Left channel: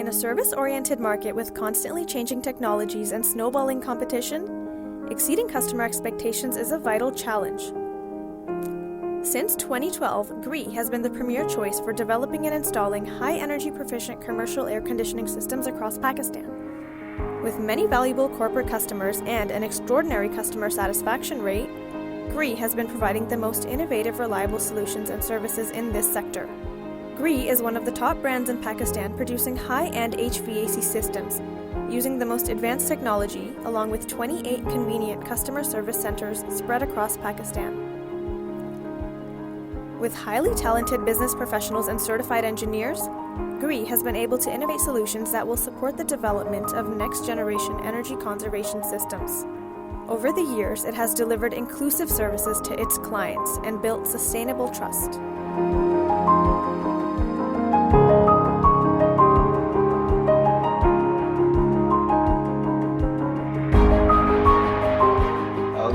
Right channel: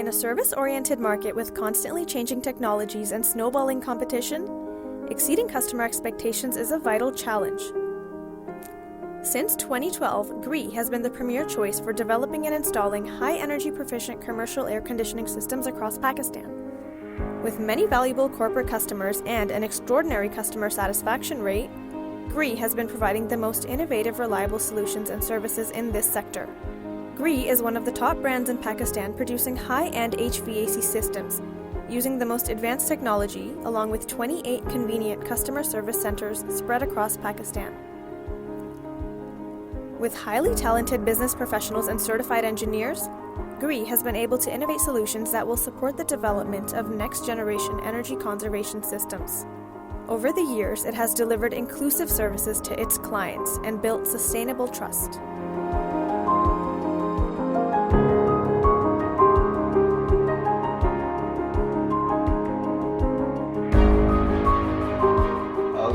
In a service-oriented market with constantly changing technologies and snowballing competition, exceeding customer expectations is a vital challenge. Since 2012, Gree has been the premier choice for developing and installing high-energy proficient commercial air conditioning systems across Pakistan. With many valuable corporate customers and an extraordinary customer satisfaction rate, Gree has been providing the most innovative, reliable solutions and services in this sector. Gree is one of the top brands in Pakistan producing high-end HVAC systems, using the most advanced technology, along with 28 convenient customer service centers spread across Pakistan. With highly talented business professionals and certified engineers, Gree has been able to innovate solutions that will support the development of next-generation energy conservation systems. Over the years, it has delivered inclusive services to its clients and built sustainable trust.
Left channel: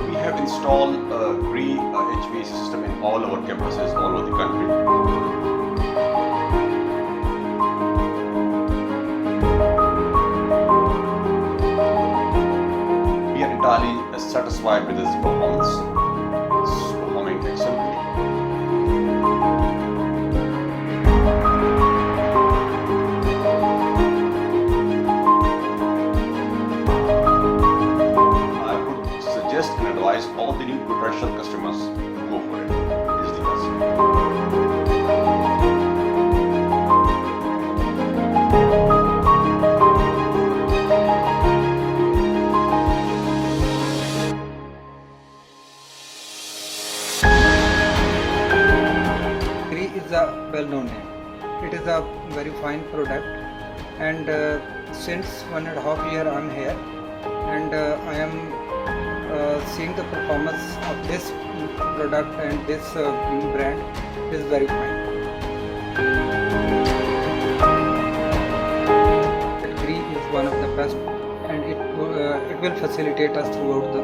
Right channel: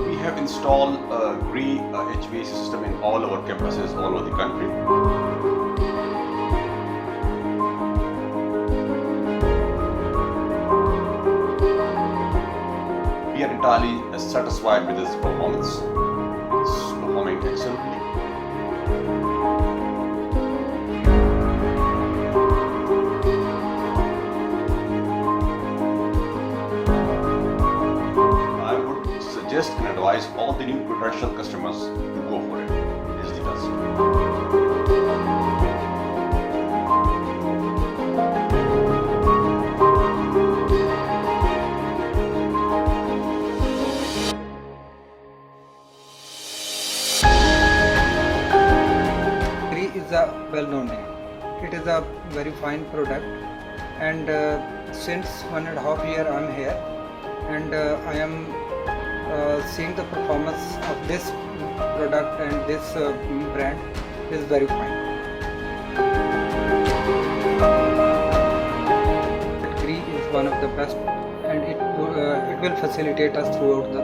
We have installed a Gree HVAC system in all our campuses all over the country. We are entirely satisfied with its performance. It's performing excellently. Suggest and advise all the new potential customers to go for it. It is the best. Gree is a well-known name. It is a very fine product, and since 1.5 years I am here, and I am seeing the performance of this product and this brand is very fine. Gree is one of the best, and it will facilitate us throughout the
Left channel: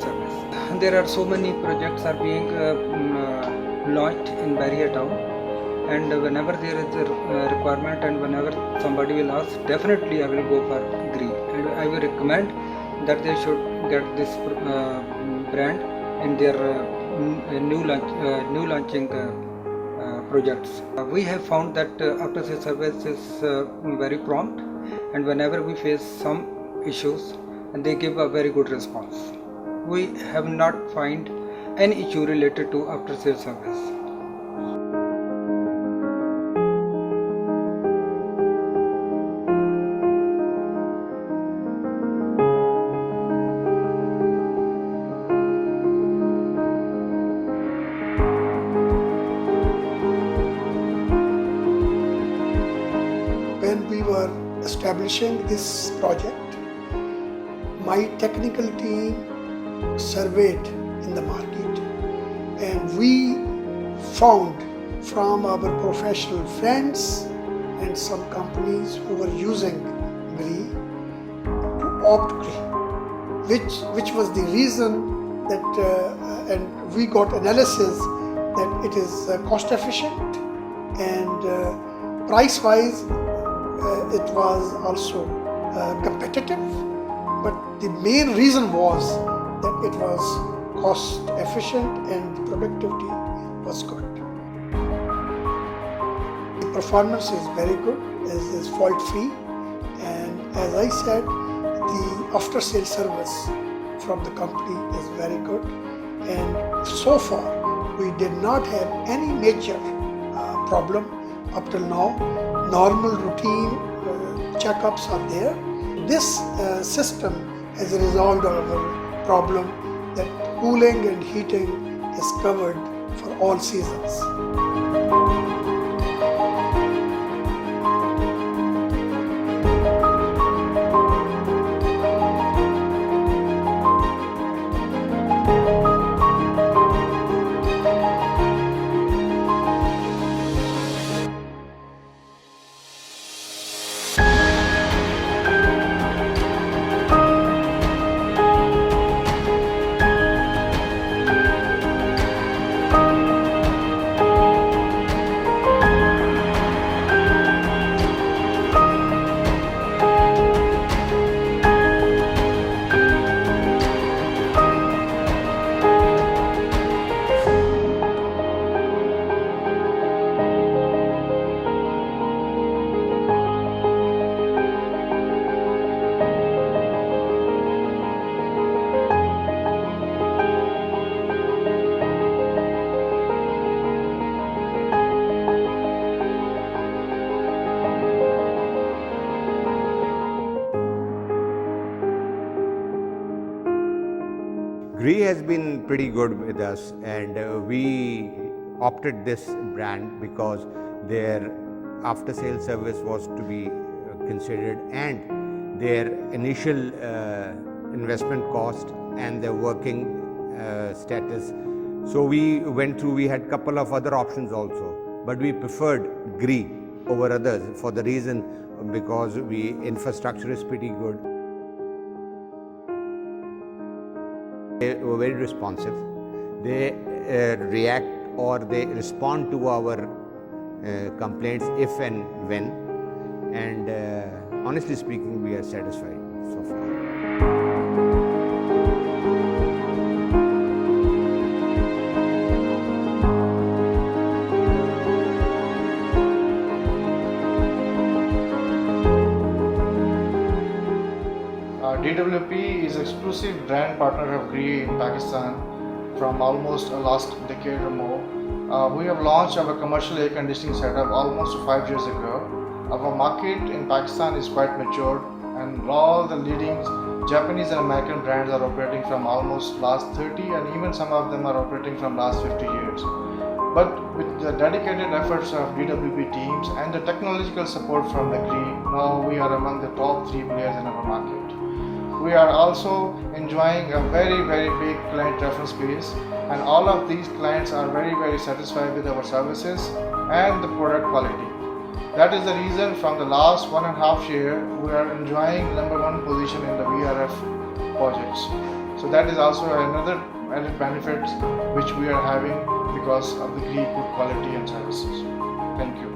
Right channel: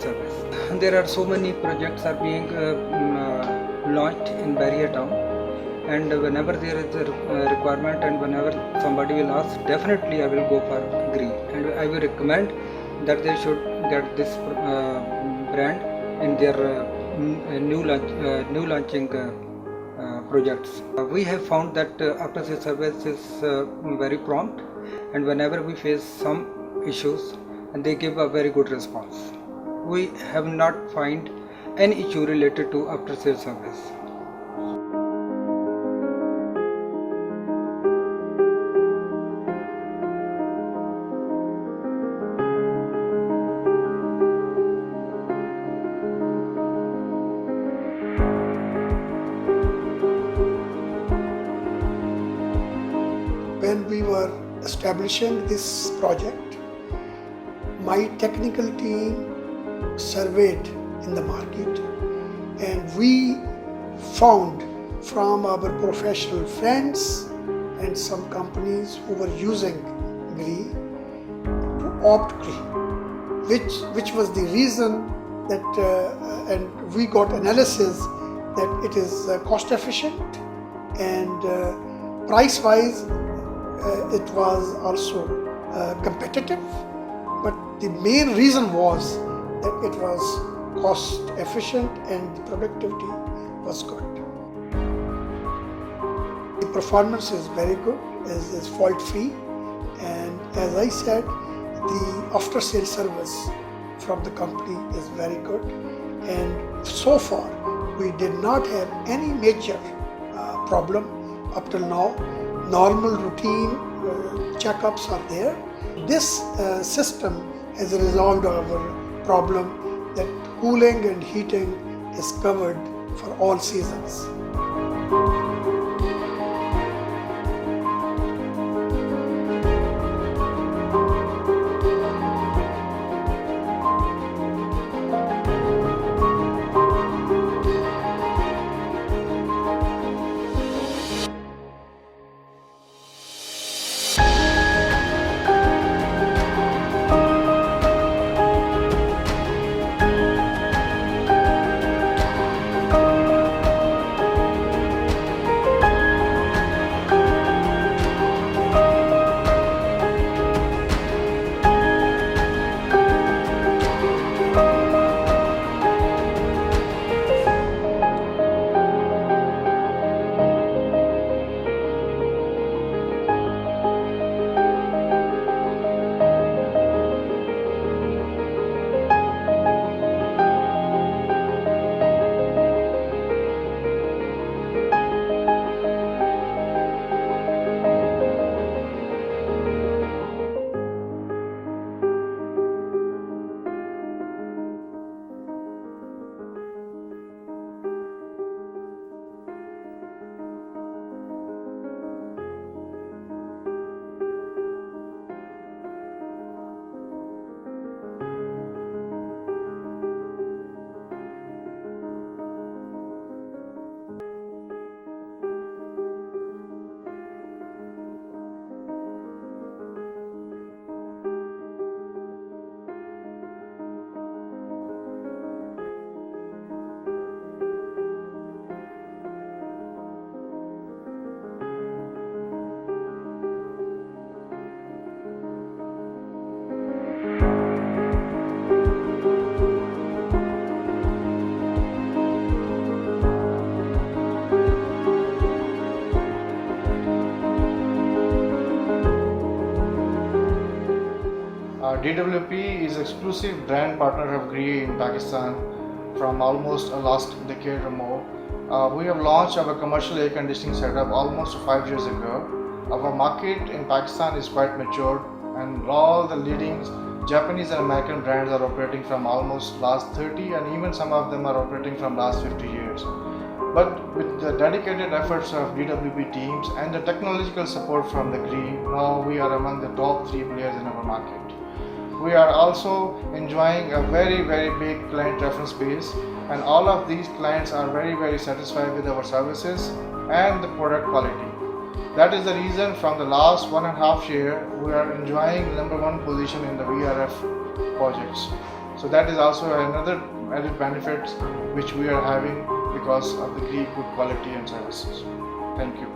service. There are so many projects are being launched in Barrier Town, and whenever there is a requirement and whenever somebody will ask, definitely I will go for Gree, and I will recommend that they should get this brand in their new launching projects. We have found that after sales service is very prompt, and whenever we face some issues, and they give a very good response. We have not find any issue related to after sales service. When we were establishing this project, my technical team surveyed in the market, and we found from our professional friends and some companies who were using Gree to opt Gree, which was the reason that and we got analysis that it is cost efficient, and price wise it was also competitive, but the main reason was that it was cost efficient and the productivity was good. The performance is very good, is fault free, and as I said, the after sales service from the company is very good, and so far we did not have any major problem up till now. Normal routine checkups are there. This system has resolved our problem that cooling and heating is covered for all seasons. has been pretty good with us, and we opted this brand because their after sales service was to be considered, and their initial investment cost and their working status. So we went through, we had couple of other options also, but we preferred Gree over others for the reason because infrastructure is pretty good. They were very responsive. They react or they respond to our complaints if and when, and honestly speaking, we are satisfied so far. DWP is exclusive brand partner of Gree in Pakistan from almost last decade or more. We have launched our commercial air conditioning setup almost 5 years ago. Our market in Pakistan is quite matured, and all the leading Japanese and American brands are operating from almost last 30, and even some of them are operating from last 50 years. But with the dedicated efforts of DWP teams and the technological support from the Gree, now we are among the top 3 players in our market. We are also enjoying a very big client reference base, and all of these clients are very satisfied with our services and the product quality. That is the reason from the last 1.5 year we are enjoying #1 position in the VRF projects. So that is also another added benefit which we are having because of the Gree good quality and services. Thank you.